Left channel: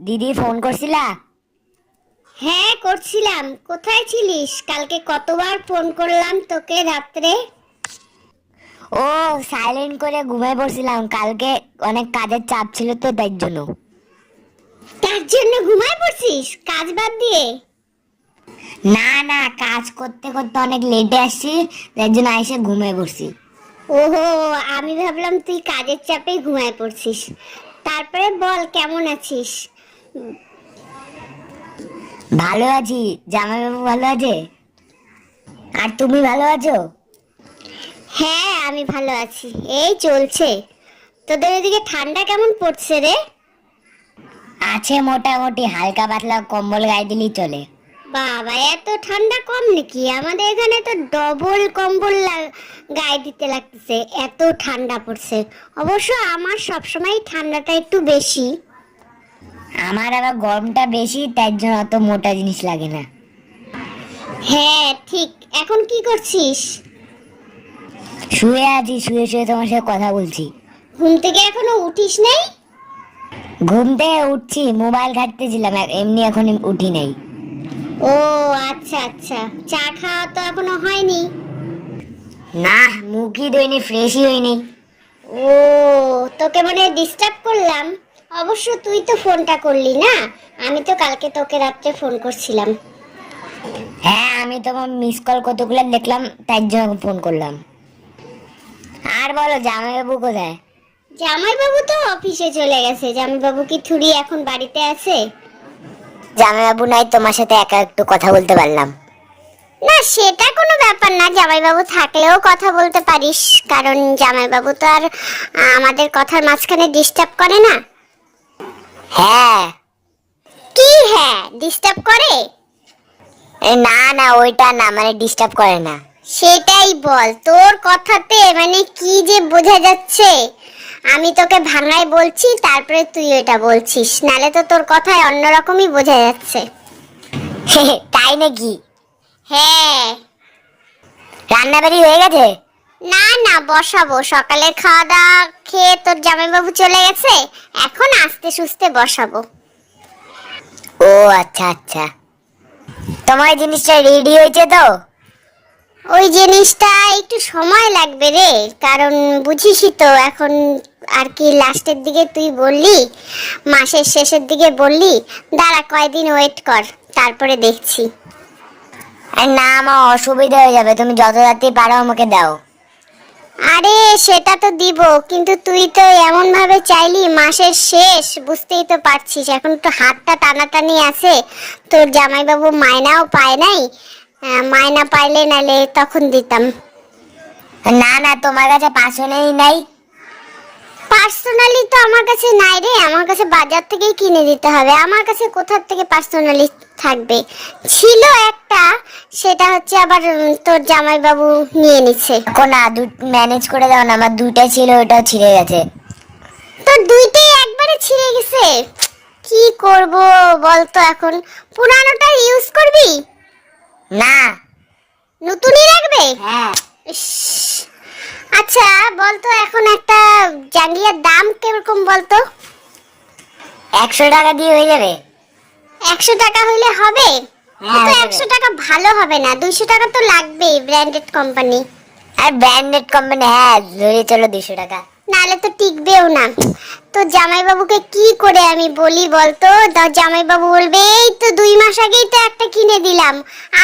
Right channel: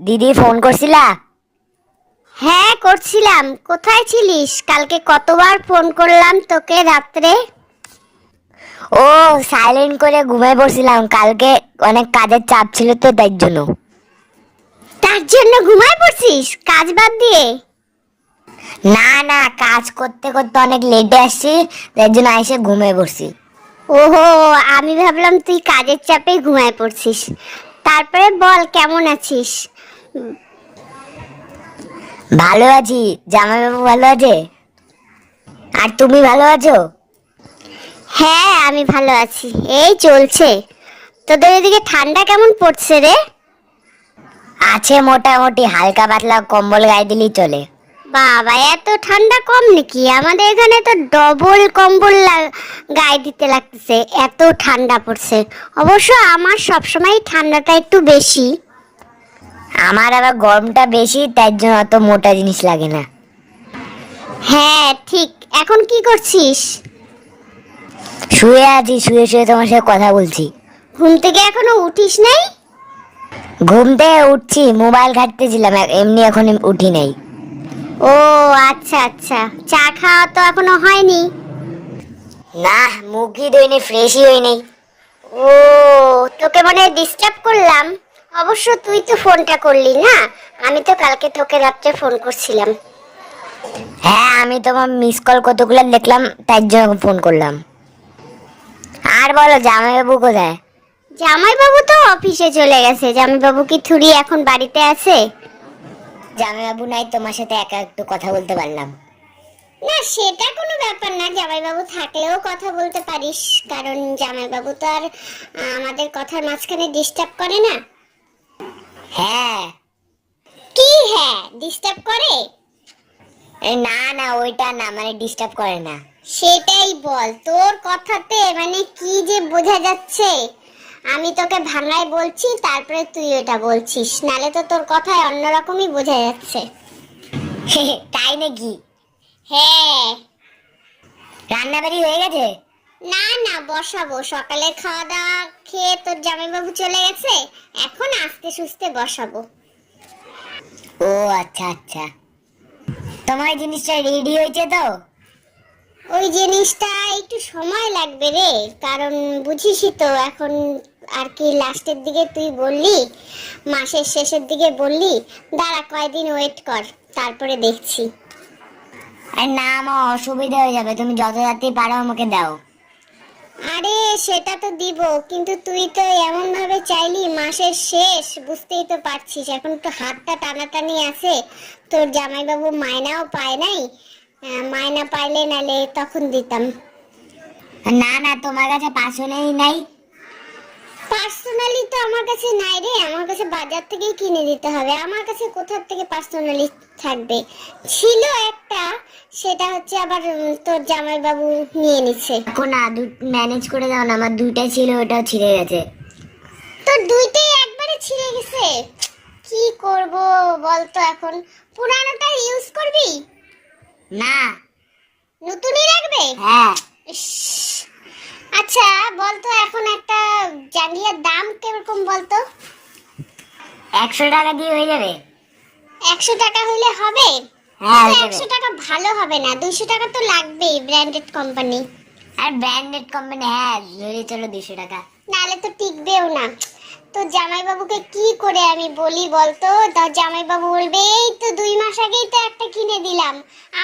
দিদি ফোন করছিলা? হ্যাঁ করছিলাম। কোথায় ছিলিস? কালকে কতবার ফোন করলাম তোকে রাত্রে? ও সাইলেন্ট করে ঘুমাই পড়ছিলাম। কালকে অনেক কাজের চাপ ছিল তো তাই জন্য। তার জন্য ঘুমায় পড়ছিস? কাজ বাদ দিয়ে? না না কাজ করতে করতে অনেক লেটে আসছি তার জন্য এসে ঘুমিয়ে পড়ছি। ওহো আমি ভাবলাম তুই কাজের চাপে ঘুমায় পড়ছিস। তারপরে বল, কেমন আছিস? ভালো আছি। জামাইবাবু ভালো আছে? আর তুমি ভালো আছো? হ্যাঁ আমি ভালো আছি। এই চলছে। তোদের এদিকে ঠান্ডা কেমন পড়ছে রে? আছে মোটামুটি, হালকা পাতলা কম্বল গায়ে দিলেই চলে। বাবা এত ঠান্ডা কম নাকি? আমাদের এখানে তো ডবল কম্বল গায়ে দিতে লাগতেছে এত ঠান্ডা পড়ছে। অবশ্য আমার সবসময় ঠান্ডাটা একটু বেশি। আমার আবার গরমটা বেশি তাই জন্য অত মোটা জিনিস লাগে না। হ্যাঁ ঠিক। এখন কি করছিস? শুয়ে আছি শুয়ে শুয়ে তোমার সাথে কথা বলছি। ঘুম থেকে এখনও উঠিস নাই? ঘুম থেকে উঠছি মোবাইল ঘাটতেছিলাম এমনি এখন উঠি নাই। ও আচ্ছা আচ্ছা। চা খাওয়া তো এখনও হয়নি। না মুখই দইনি ফ্রেশই হয়নি ও তোকে মনে ডিস্টার্ব করলাম। অবশ্য তুই তো ফোনটা করলি না? আমি তো কালকে তোকে রাত্রে ফোন করছিলাম। হ্যাঁ আমি তোমার মিস কল কতগুলো দেখলাম তাই জন্য ফোন করলাম। আর বলো জামাইবাবু কোথায়? জামাইবাবু তো অফিসে চলে গেছে। জামাইবাবু কি থুড়ি এখন বাড়িতে আছে? জামাইবাবু নাই তোমার সাথে একা একটু কথা বলতে পারলাম। না সেটা কোনো ব্যাপার না জামাইবাবু থাকলেও কথা বলতে পারিস কারণ জামাইবাবু তো আর আমাদের কথার মাঝখানে ডিস্টার্ব করে না। হ্যাঁ। কি হ্যাঁ ডিস্টার্ব করে? না না ওইটা না মানে ডিস্টার্ব করে না। সেটাই বল তোর কথাতে মানে কি যে বোঝা যাচ্ছে? আমি তোকে ভাঙায় বলছি, তারপরে তুই এটা বলছিস। নালে তো তোর কথায় অন্যরকমই বোঝা যাচ্ছে। তাই নাকি? হ্যাঁ রান্নাবাড়ি হয়ে গেছে? না না, বসাবো। সকালে খাওয়া দাওয়া খেয়ে তোর জামাইবাবু চলে গেছে? এখন আস্তে সুস্তে বসাবো। ও আচ্ছা আচ্ছা। তোমার জিনিসটা রেডি হয়েছে তো? ওই জিনিসটা একটু সময় লাগবে রে কারণ বুঝিসই তো এখন আর কি লাস্টের দিকে তুই বললি মাসের শেষের দিকে বললি দাঁড়া কয়দিন ওয়েট কর তারপরে দেখছি। আর না আমার অসুবিধা হয়ে যাবে তুমি যত রাত্রি পারো আমাকে দাও। আরে সেটা তো দিব কিন্তু তুই তো এমন ভাবে চাইলি মাসের শেষ বুঝতেই তো পারছিস এখন তো হাতটা টানাটানি আছে তোর জামাইবাবু মায়নাও পায় নাই মায়না পাইলে নালে তখন দিতাম। না না তোমার কাছে পাঁচশো নেই। নাই পার্সোনালি তো আমার কাছে নাই রে। আমার কাছে বাজার থেকেই কিনে দিতে হবে। আমার কাছে কোথার থেকে পার্সোনালি থাকবে? ছিল একটা সেটা হচ্ছে আবার তোর জামাইবাবু নিয়ে নিচ্ছে। না ম্যানেজ করে দাও না আমার দুইটা ছিল ওটাও ছিঁড়ে গেছে। তোর দুইটাই একবারে ছিঁড়ে গেছে? কি করব বলতো এখন? পুরানোটা ইউজ করবি? না। নতুনই রাখবে? হ্যাঁ। আচ্ছা বলতো এখন একটা জাঙ্গিয়ার দাম কীরকম বলতো? একশো টাকা দিয়ে হয়ে যাবে। একশো টাকা হইলে হবে? হ্যাঁ। একশো টাকা ভালো হবে না। দুইশো টাকা তো লাগবেই ব্র্যান্ডেড কোম্পানি আর ব্র্যান্ডেড কোম্পানি হ্যাঁ ধরে চলো দুশো টাকা। নালে তো টিকবেও না। তো জামাইবাবুকে কি করে আমি বলি বলতো? জামাইবাবু বলবে, এই তো দুই মাস আগেই তো একটা কিনে দিলাম,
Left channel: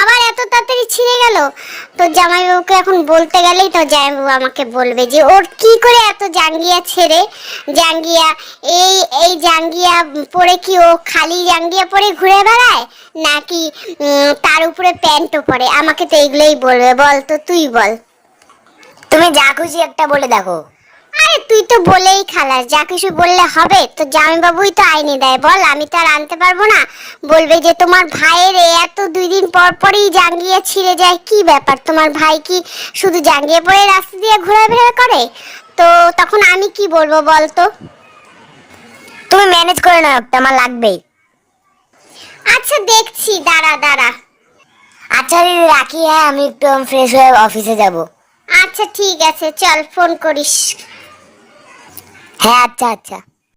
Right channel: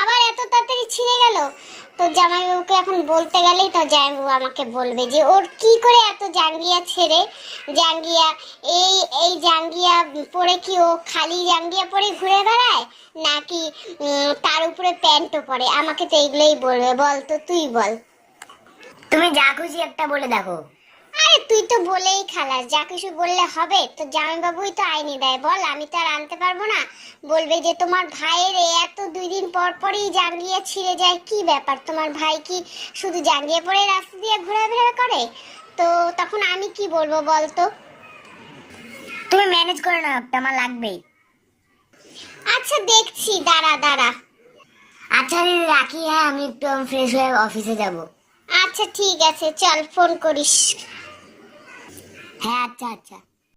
আবার এত তাড়াতাড়ি ছিঁড়ে গেল? তো জামাইবাবুকে এখন বলতে গেলেই তো জামাইবাবু আমাকে বলবে যে, ওর কি করে এত জাঙ্গিয়া ছেড়ে? জাঙ্গিয়া, এই এই জাঙ্গিয়া পরে কি ও খালি জাঙ্গিয়া পরে ঘুরে বেড়ায়? নাকি তার উপরে প্যান্টও পরে? আমাকে তো এইগুলোই বলবে। বল তো, তুই বল। তুমি যা খুশি একটা বলে দেখো। আরে তুই তো বলেই খালাস যা কিছু বললে হবে। তো জামাইবাবুই তো আইনে দেয় বল আমি তো আর আনতে পারব না। বলবে যে তোমার ভাইয়ের এত দুই দিন পর পরই জাঙ্গিয়ে ছিঁড়ে যায় কি ব্যাপার? তোমার ভাই কি শুধু জাঙ্গিয়ে রাস্তা দিয়ে ঘোরাফেরা করে? তো তখন আমি কি বলব বল তো? তুমি ম্যানেজ করে নাও একটা আমার লাগবেই। আচ্ছা দেখছি দাঁড়া দাঁড়া। আচ্ছা দিদি রাখি হ্যাঁ আমি একটু ফ্রেশ হয়ে অফিসে যাব। আচ্ছা ঠিক আছে চল ফোন করিস। হ্যাঁ আচ্ছা আচ্ছা।